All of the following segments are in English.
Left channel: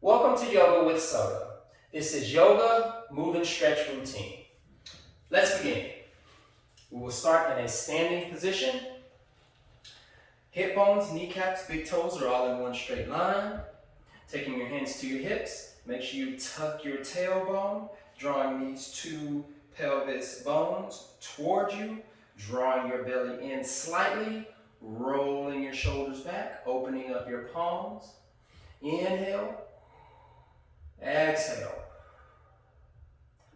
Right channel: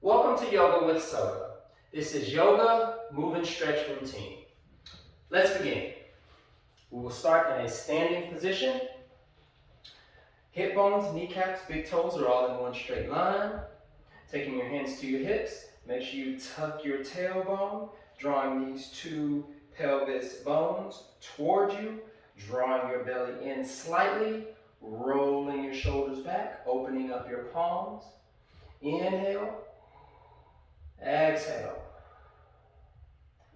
Welcome to Yoga with Soda. This is Yoga Move and Stretch Routine. Let's begin. We will start in a standing position. Hip bones, kneecaps, big toes are all in one straight line. Taking your hands to your hips, make sure you tuck your tailbone, drawing these two pelvis bones toward you, drawing your belly in slightly, rolling your shoulders back, opening up your palms. Inhale, exhale.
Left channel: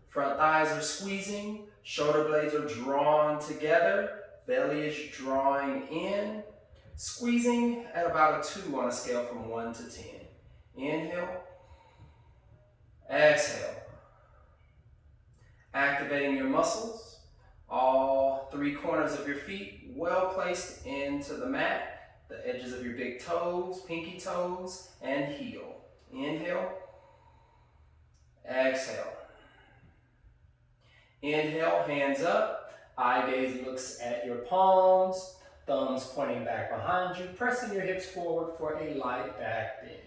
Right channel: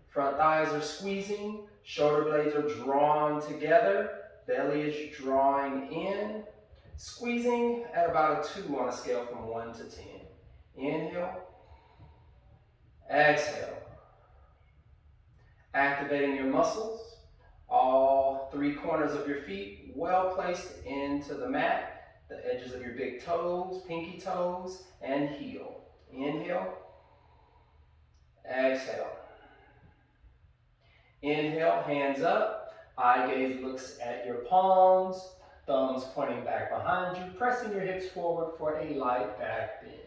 Front thighs are squeezing, shoulder blades are drawn together, belly is drawing in, squeezing at about a 2 on a scale from 1 to 10. Inhale, exhale. Activating your muscles, all 3 corners of your feet well placed into the mat, the edges of your big toes, pinky toes, and heel. Inhale, exhale. Inhale, hands up, eye gaze looks at your palms, thumbs pointing back behind you, pressing your hips forward for a light back bend.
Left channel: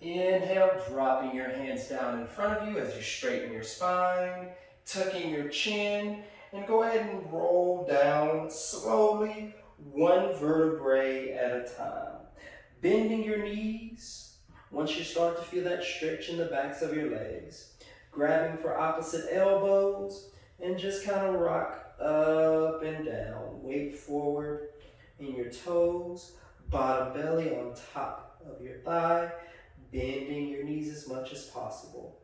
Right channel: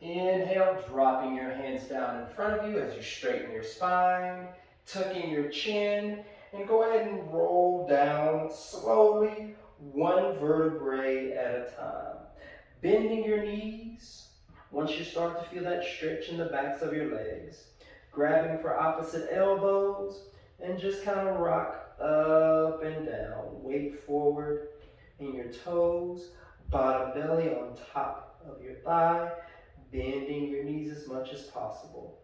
Inhale, dropping your hands down in front of you as you straighten your spine, tucking your chin, and go ahead and roll down slowly, one vertebrae at a time. Bending your knees once you start to feel that stretch in the backs of your legs. Grabbing for opposite elbows and just kind of rock up and down. Weight forward in your toes, bottom belly on top of your thigh, bending your knees as much as possible.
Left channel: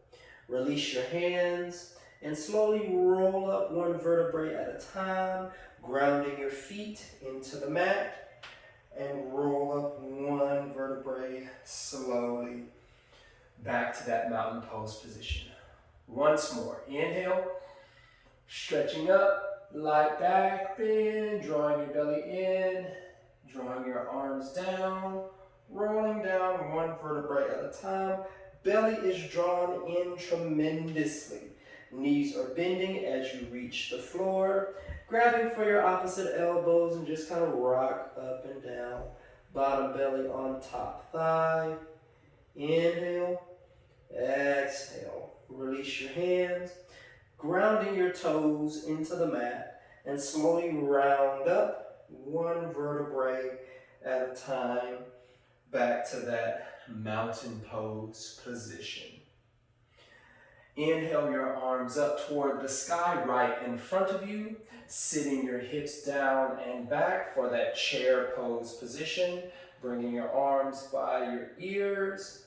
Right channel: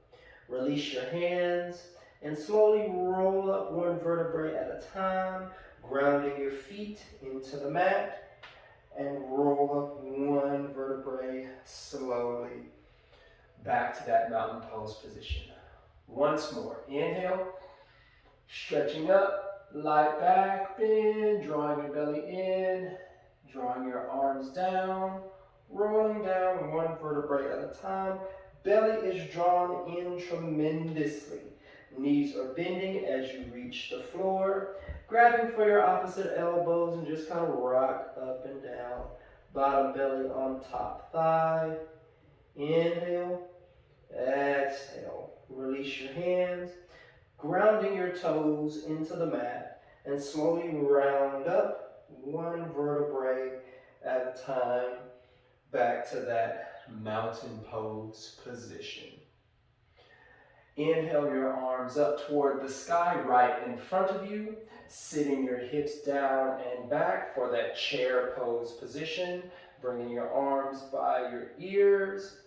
Release your hands and slowly roll up one vertebrae at a time, grounding your feet into the mat and roll up one vertebrae slowly back to that mountain pose position. Once more, inhale, stretching up, light back bend, drawing your belly in, drawing your arms down, rolling down one vertebrae at a time. Belly is drawn in tremendously. Knees are bending as you reach the floor, grabbing for your opposite elbows and just kind of rock up and down. Bottom belly on top thigh. Inhale, exhale. Release your hands, grounding your toes into the mat, and slowly round up one vertebrae at a time back to that mountain pose position. Inhale your arms up toward the sky right in front of you, sitting your hips down and back for that chair pose position, bringing your arms by your ears,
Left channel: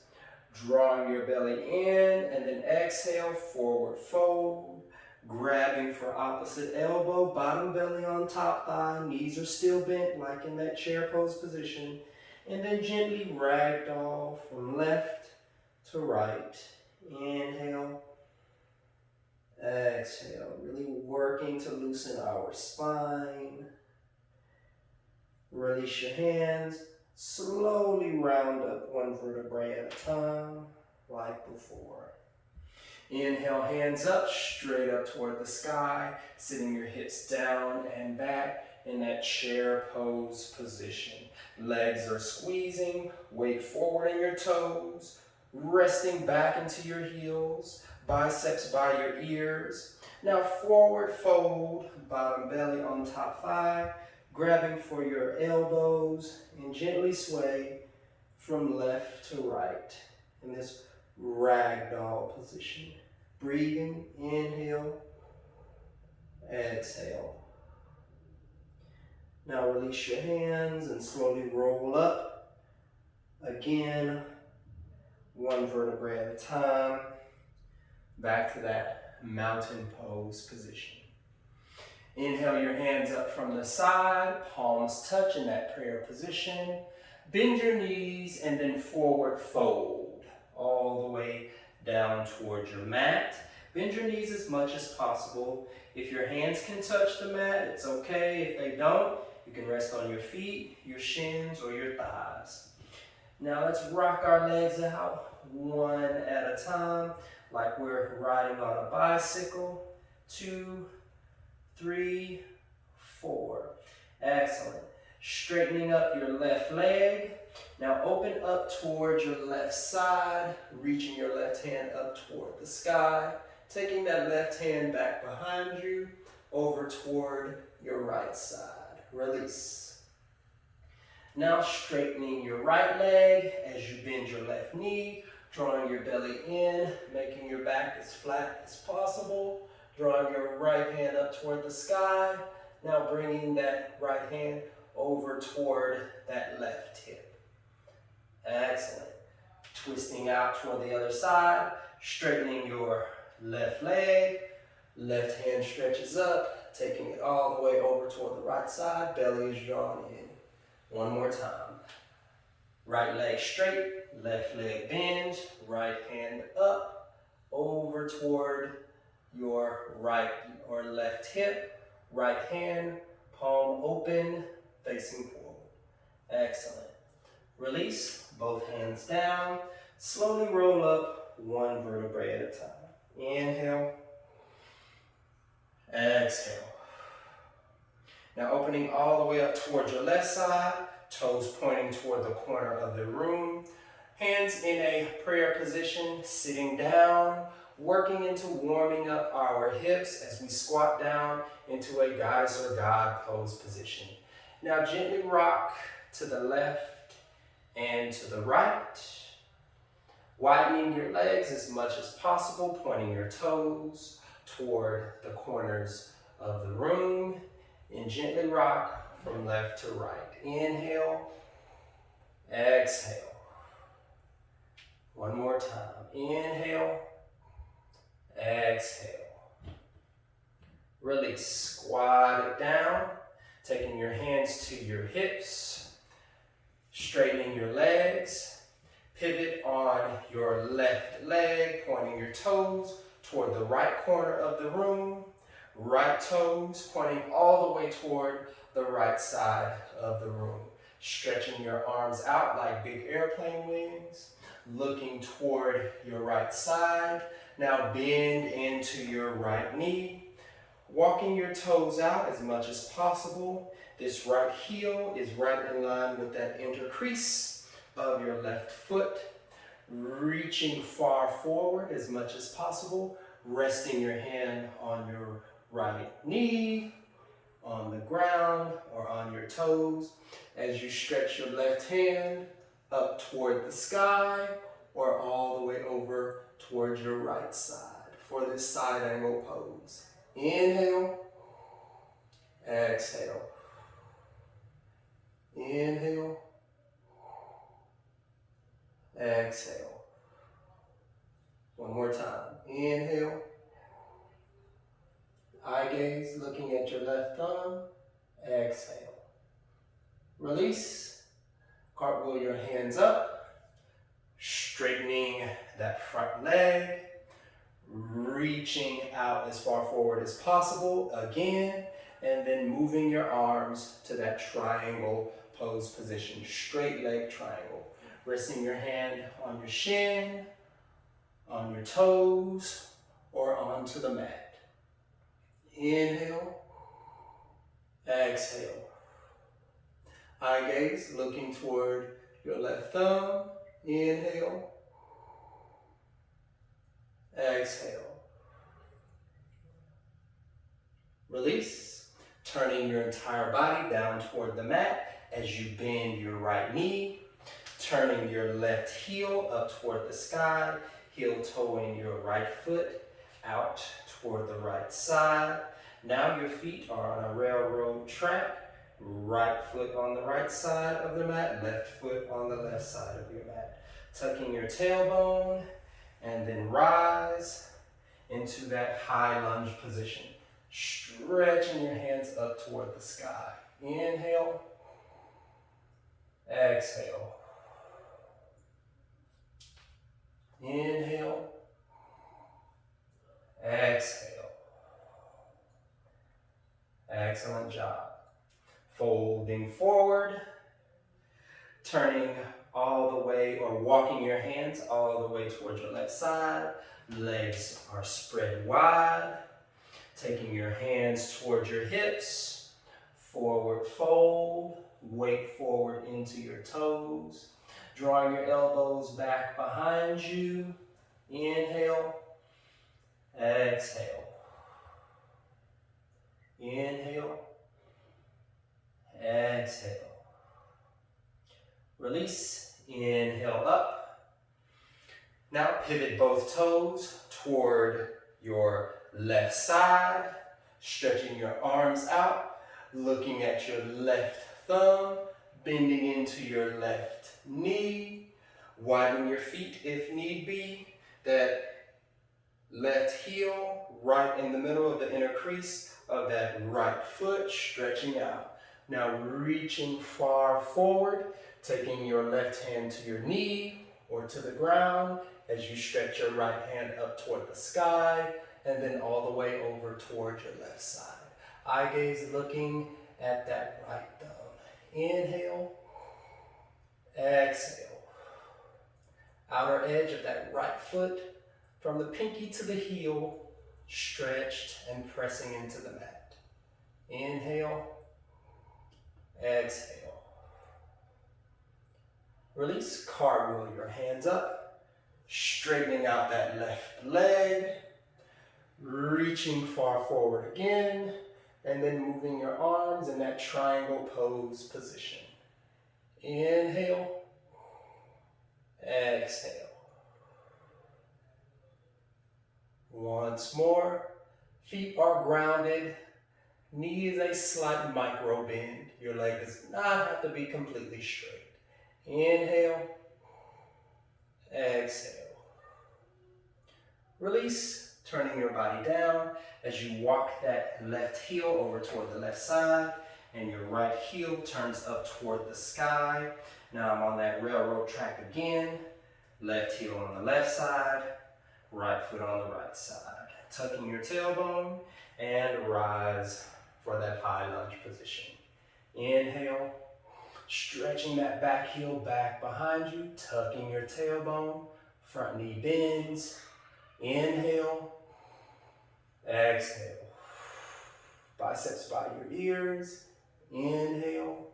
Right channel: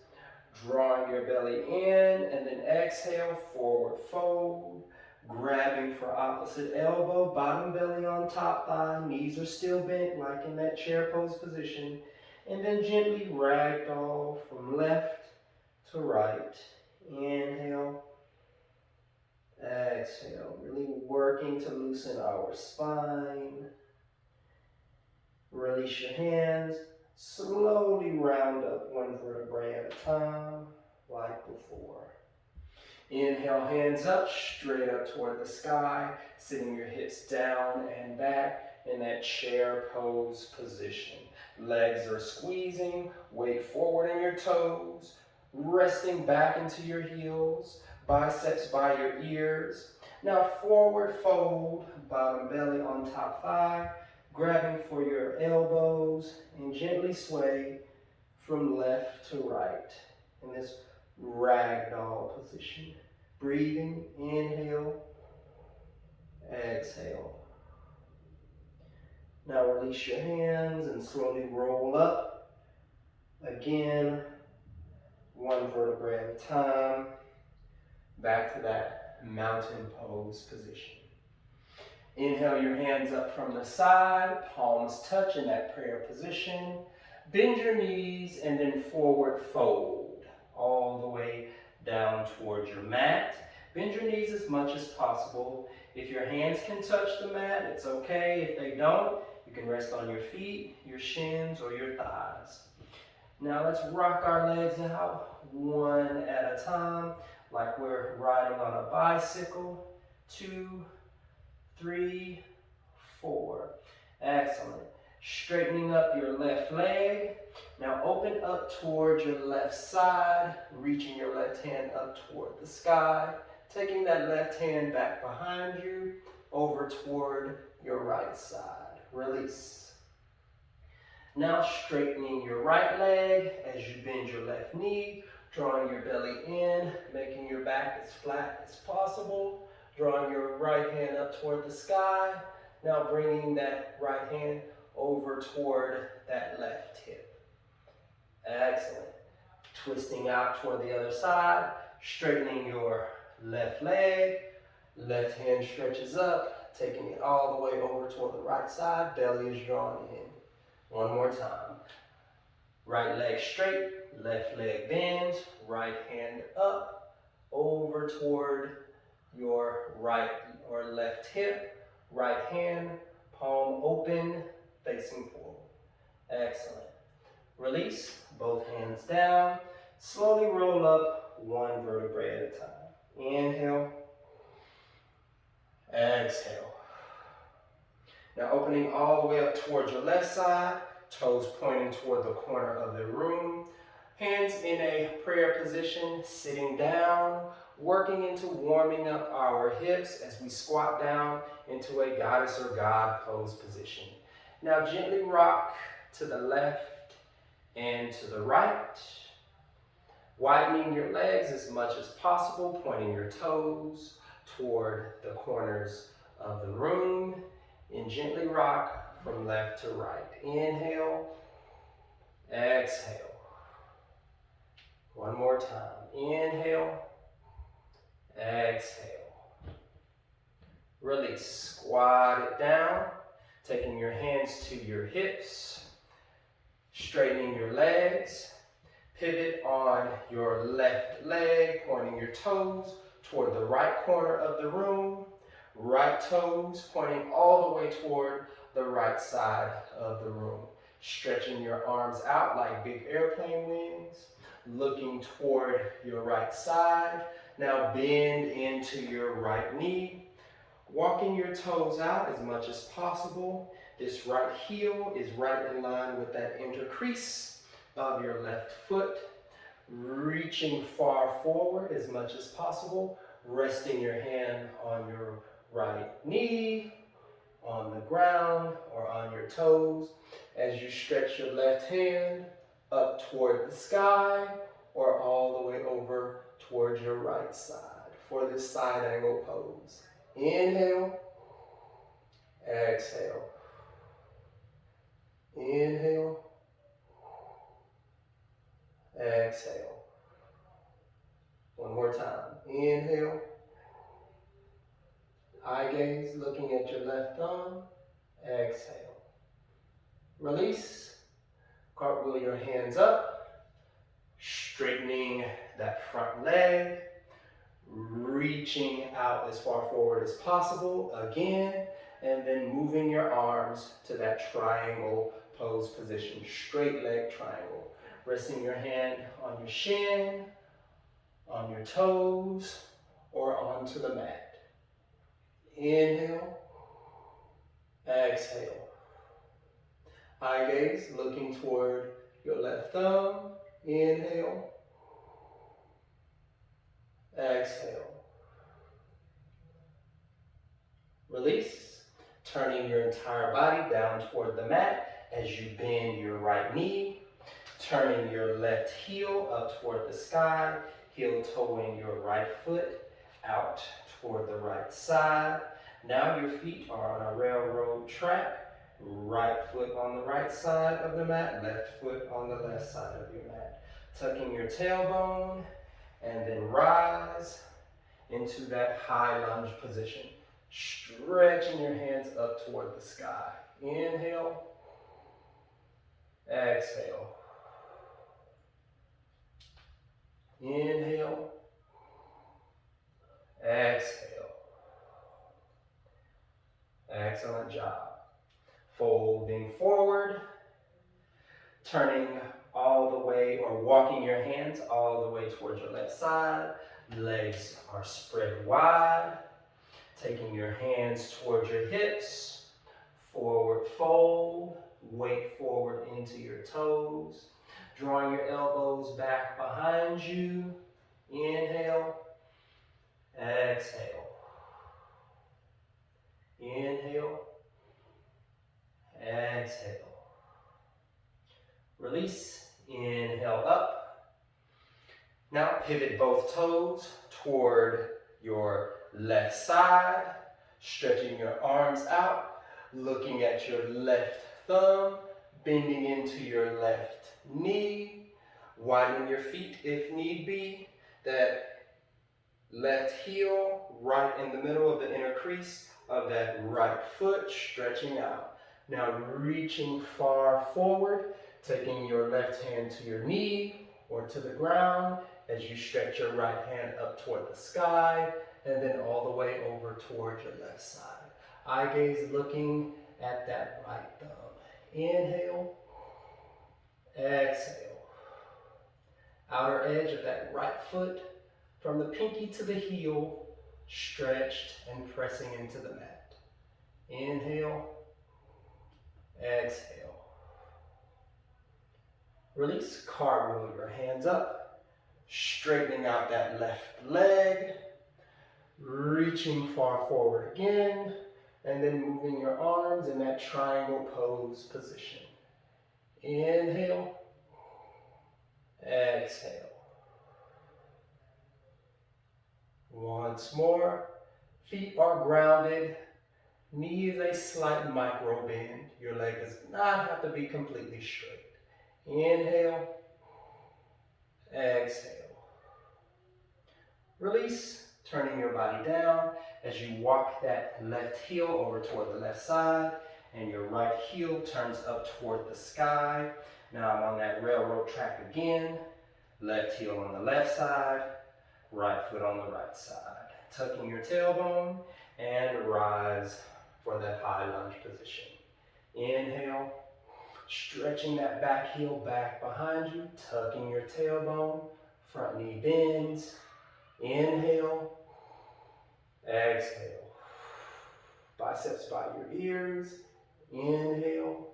drawing your belly in, and then exhale, forward fold, grabbing for opposite elbow, bottom belly on top thigh, knees are still bent like in that chair pose position, and then gently ragdoll from left to right. Inhale, exhale, really working to loosen our spine. Release your hands. Slowly round up one vertebrae at a time, like before. Inhale, hands up, straight up toward the sky, sitting your hips down and back in that chair pose position. Legs are squeezing, weight forward in your toes, resting back into your heels, biceps by your ears. Now forward fold, bottom belly on top thigh, grabbing for your elbows and gently sway from left to right in this ragdoll position. Breathing, inhale, exhale. Now release your hands and slowly roll up. Again, one vertebrae at a time, back to that mountain pose position. Inhale your hands up from the side, palms touch in that prayer position. Bend your knees and then forward fold all the way down towards your mat. Bend your knees as much as possible. If your hands can touch the mat, it's okay. If they don't, you can rest on your feet, your shins, or your thighs. Now let's rock our legs out one at a time, like we're riding on a bicycle. 2, 3, 4. Excellent. Straightening up your left leg, Now open up toward your left side, reaching your left hand up toward the sky, taking that left hand back behind you, over toward your right side. Release. Now straightening your right leg as you bend your left knee, drawing your belly in, making your back as flat as possible, drawing your right hand up toward the sky. Now bringing that right hand over toward that left hip. Excellent. Twisting out toward the other side, straightening your left leg, left hand stretches up, taking it all the way over toward the right side, belly is drawn in. One more time. Right leg straight, left leg bends, right hand up, over toward your right or left hip, right hand, palm open, facing forward. Excellent. Release, both hands down. Slowly roll up one vertebrae at a time. Inhale. Exhale. Now opening all the way up towards your left side, toes pointing toward the corner of the room. Hands in a prayer position, sitting down, working into warming up our hips as we squat down into a goddess or God pose position. Now gently rock to the left and to the right, widening your legs as much as possible, pointing your toes toward the corners of the room, and gently rock from left to right. Inhale, exhale. One more time. Inhale, exhale. Release. Squat it down, taking your hands to your hips, straightening your legs, pivot on your left leg, pointing your toes toward the right corner of the room, right toes pointing all the way toward the right side of the room. Stretching your arms out like big airplane wings, looking toward your right side. Now bend into your right knee, walking your toes out as much as possible. This right heel is right in line with that intercrease of your left foot. Reaching far forward as much as possible, resting your hand on your right knee, on the ground, or on your toes as you stretch your left hand up toward the sky or all the way over towards your right side for this side angle pose. Inhale, exhale. Inhale, exhale. One more time. Inhale. Eye gaze, looking at your left thumb. Exhale. Release. Cartwheel your hands up. Straightening that front leg. Reaching out as far forward as possible. Again. And then moving your arms to that triangle pose position. Straight leg triangle. Resting your hand on your shin, on your toes, or onto the mat. Inhale, exhale. Eye gaze, looking toward your left thumb. Inhale, exhale. Release, turning your entire body down toward the mat as you bend your right knee, turning your left heel up toward the sky, heel toeing your right foot out toward the right side. Now your feet are on a railroad track, right foot on the right side of the mat, left foot on the left side of your mat. Tucking your tailbone and then rise into that high lunge position. Stretching your hands up toward the sky. Inhale, exhale. Inhale, exhale. Excellent job. Folding forward, turning all the way or walking your hands all the way towards your left side. Legs are spread wide. Taking your hands towards your hips. Forward fold, weight forward into your toes. Drawing your elbows back behind you. Inhale, exhale. Inhale, exhale. Release, inhale up. Now pivot both toes toward your left side, stretching your arms out, looking at your left thumb, bending into your left knee, widen your feet if need be. That left heel right in the middle of the inner crease of that right foot, stretching out. Now reaching far forward, taking your left hand to your knee or to the ground as you stretch your right hand up toward the sky and then all the way over toward your left side. Eye gaze looking at that right thumb. Inhale, exhale. Outer edge of that right foot from the pinky to the heel, stretched and pressing into the mat. Inhale, exhale. Release, cartwheel your hands up, straightening out that left leg, reaching far forward again, and then moving your arms in that triangle pose position. Inhale, exhale. Once more, feet are grounded, knee is a slight micro bend. Your leg does not have to be completely straight. Inhale, exhale. Release, turning your body down as you walk that left heel over toward the left side and your right heel turns up toward the sky. Now I'm on that railroad track again. Left heel on the left side, right foot on the right side. Tucking your tailbone and rise for that high lunge position. Inhale, stretching that back heel back behind you, tucking your tailbone, front knee bends. Inhale, exhale. Biceps by your ears. Inhale,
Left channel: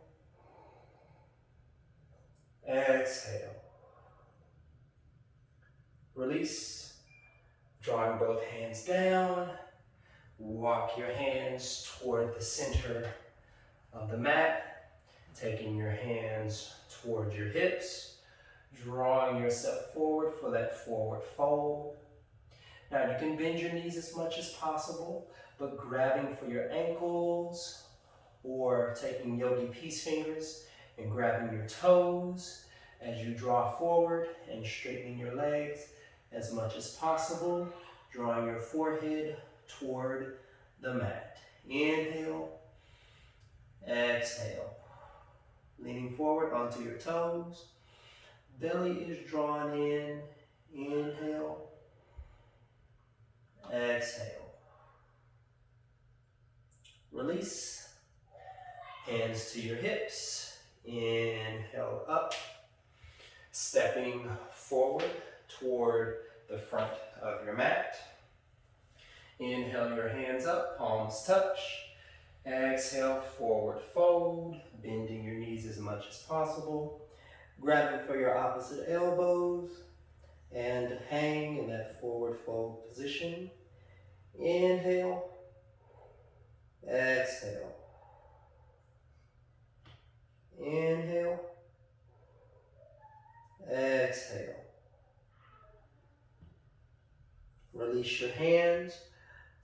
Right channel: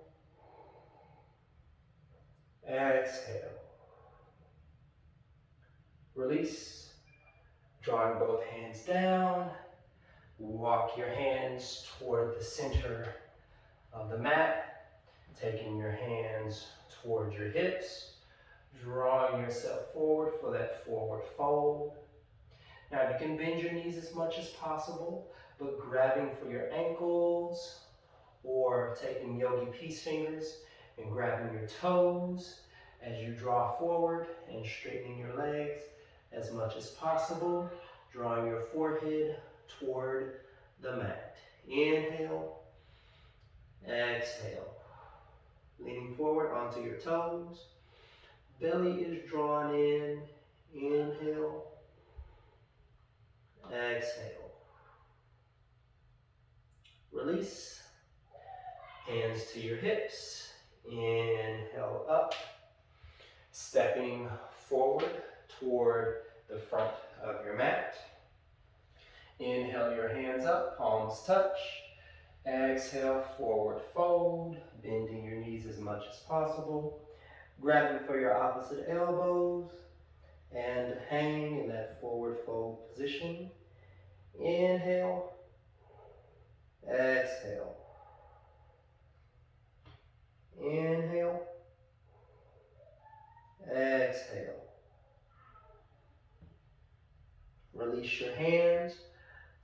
exhale. Release, drawing both hands down. Walk your hands toward the center of the mat, taking your hands toward your hips, drawing yourself forward for that forward fold. Now you can bend your knees as much as possible, but grabbing for your ankles or taking Yogi Peace fingers and grabbing your toes as you draw forward and straightening your legs as much as possible, drawing your forehead toward the mat. Inhale, exhale. Leaning forward onto your toes. Belly is drawn in. Inhale, exhale. Release. Hands to your hips. Inhale up. Stepping forward toward the front of your mat. Inhale your hands up, palms touch. Exhale, forward fold, bending your knees as much as possible. Grabbing for your opposite elbows and hang in that forward fold position. Inhale, exhale. Inhale, exhale. Release your hands,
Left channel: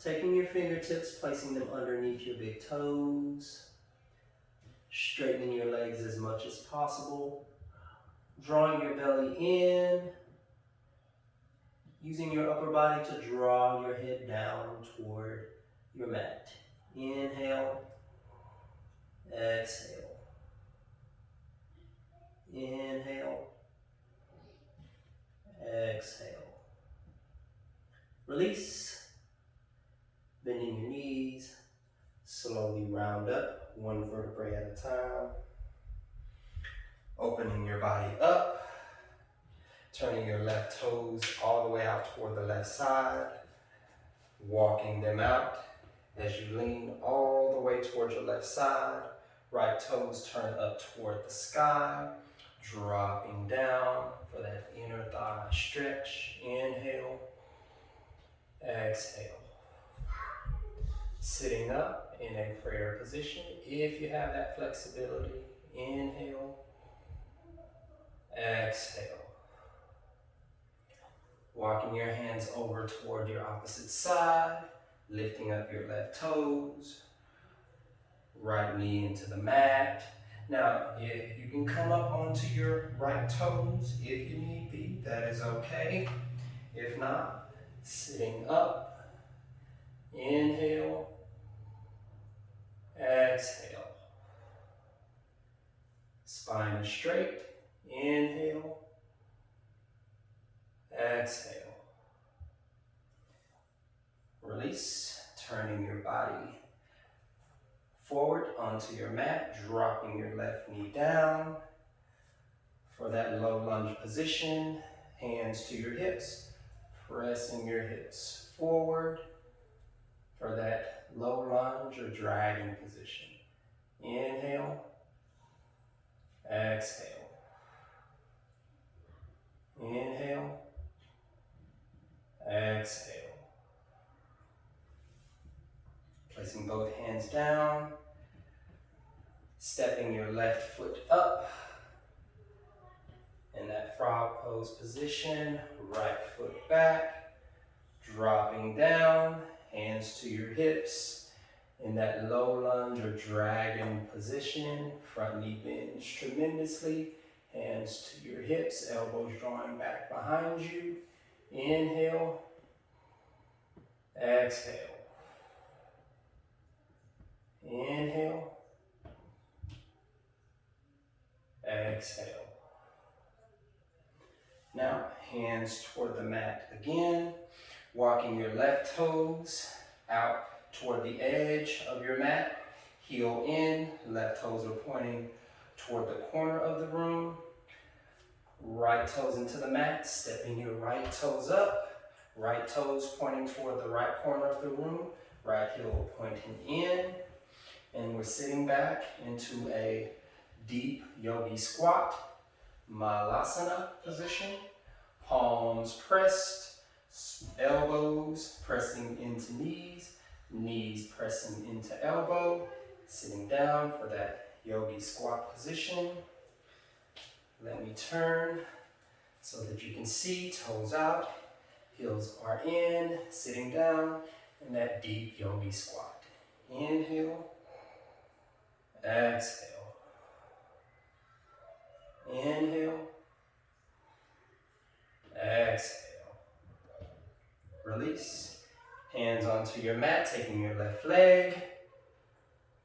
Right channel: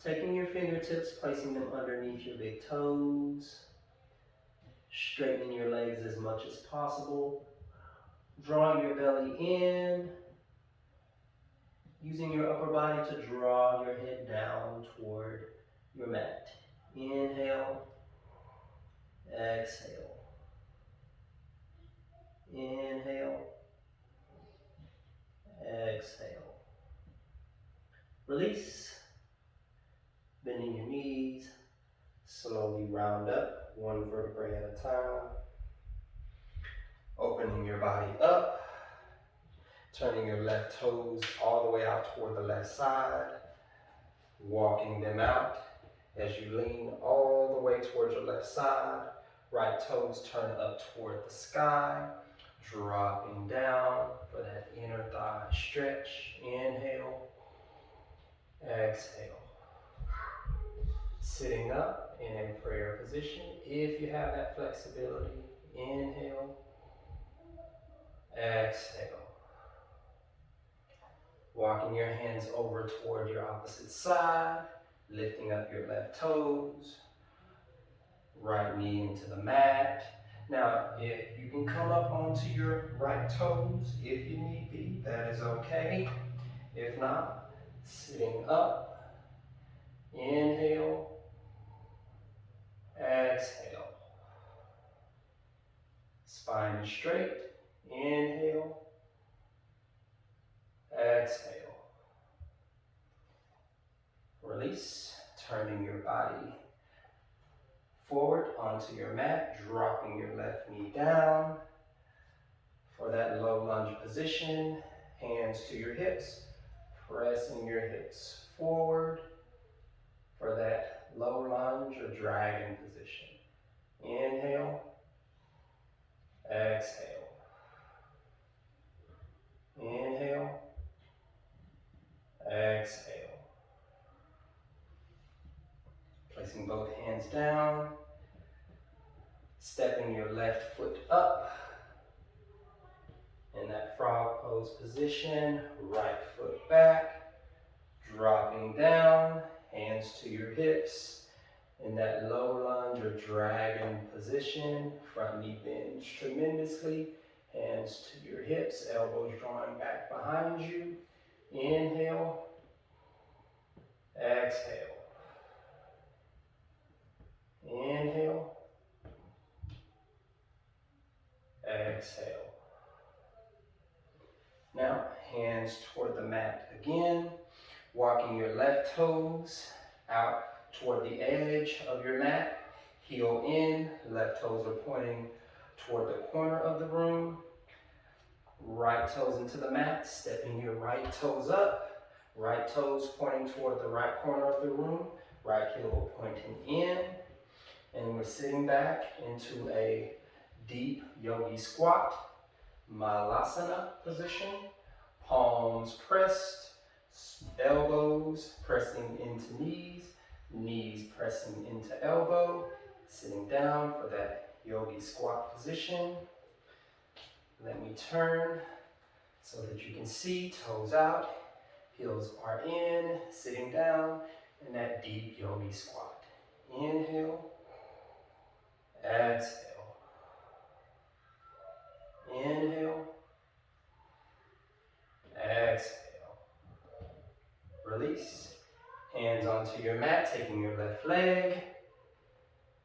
taking your fingertips, placing them underneath your big toes, straightening your legs as much as possible, drawing your belly in, using your upper body to draw your head down toward your mat. Inhale, exhale. Inhale, exhale. Release, bending your knees, slowly round up, one vertebrae at a time. Opening your body up, turning your left toes all the way out toward the left side, walking them out as you lean all the way toward your left side. Right toes turn up toward the sky, Dropping down for that inner thigh stretch. Inhale, exhale. Sitting up in a prayer position if you have that flexibility. Inhale, exhale. Walking your hands over toward your opposite side, lifting up your left toes, right knee into the mat. Now, if you can come up onto your right toes if you need be, that is okay. If not, sitting up, inhale, exhale. Spine is straight, inhale, exhale. Release, turning your body forward onto your mat, dropping your left knee down for that low lunge position. Hands to your hips, pressing your hips forward for that low lunge or dragon position. Inhale, exhale. Inhale, exhale. Placing both hands down, stepping your left foot up in that frog pose position, right foot back, dropping down, hands to your hips in that low lunge or dragon position, front knee bends tremendously, hands to your hips, elbows drawing back behind you. Inhale, exhale. Inhale, exhale. Now, hands toward the mat again, walking your left toes out toward the edge of your mat, heel in, left toes are pointing toward the corner of the room, right toes into the mat, stepping your right toes up, right toes pointing toward the right corner of the room, right heel pointing in, and we're sitting back into a deep yogi squat, malasana position, palms pressed, elbows pressing into knees, knees pressing into elbow, sitting down for that yogi squat position. Let me turn so that you can see, toes out, heels are in, sitting down in that deep yogi squat. Inhale, exhale. Inhale, exhale. Release. Hands onto your mat, taking your left leg,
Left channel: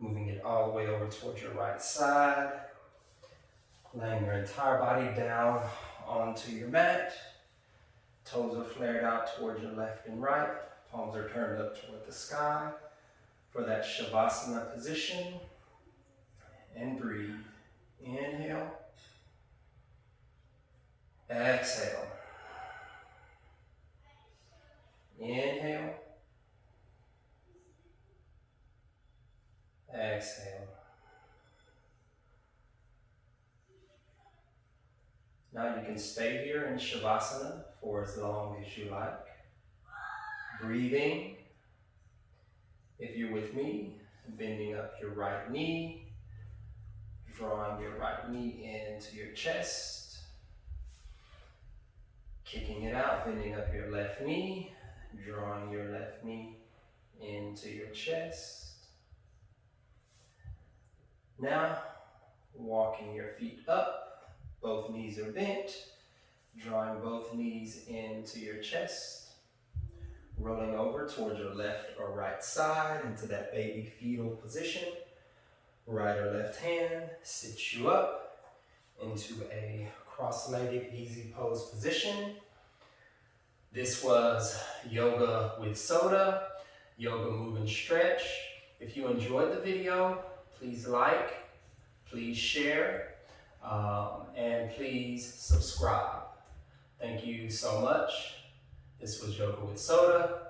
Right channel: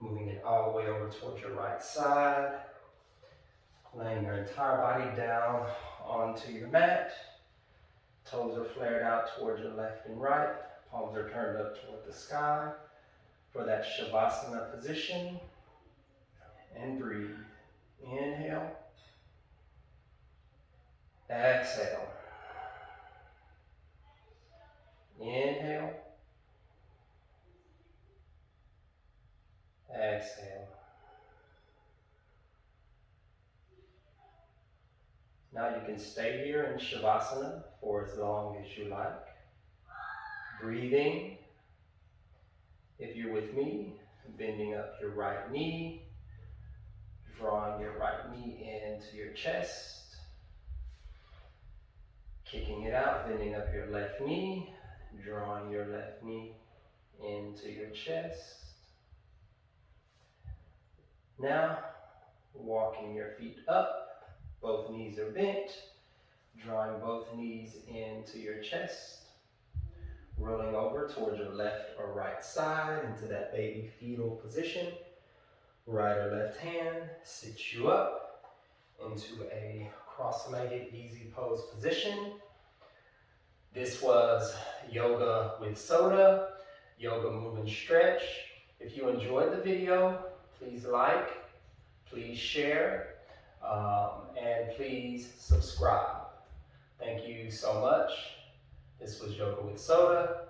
moving it all the way over towards your right side, laying your entire body down onto your mat. Toes are flared out towards your left and right. Palms are turned up toward the sky for that Shavasana position. And breathe. Inhale. Exhale. Inhale. Exhale. Now you can stay here in Shavasana for as long as you like. Breathing. If you're with me, bending up your right knee, drawing your right knee into your chest, kicking it out, bending up your left knee, drawing your left knee into your chest. Now, walking your feet up, both knees are bent, drawing both knees into your chest, rolling over towards your left or right side into that baby fetal position. Right or left hand sits you up into a cross-legged easy pose position. This was Yoga with Soda, Yoga Move and Stretch. If you enjoyed the video, please like, please share, and please subscribe. Thank you so much. This was Yoga with Soda.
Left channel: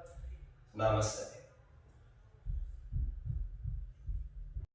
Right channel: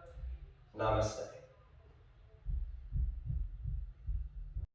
Namaste.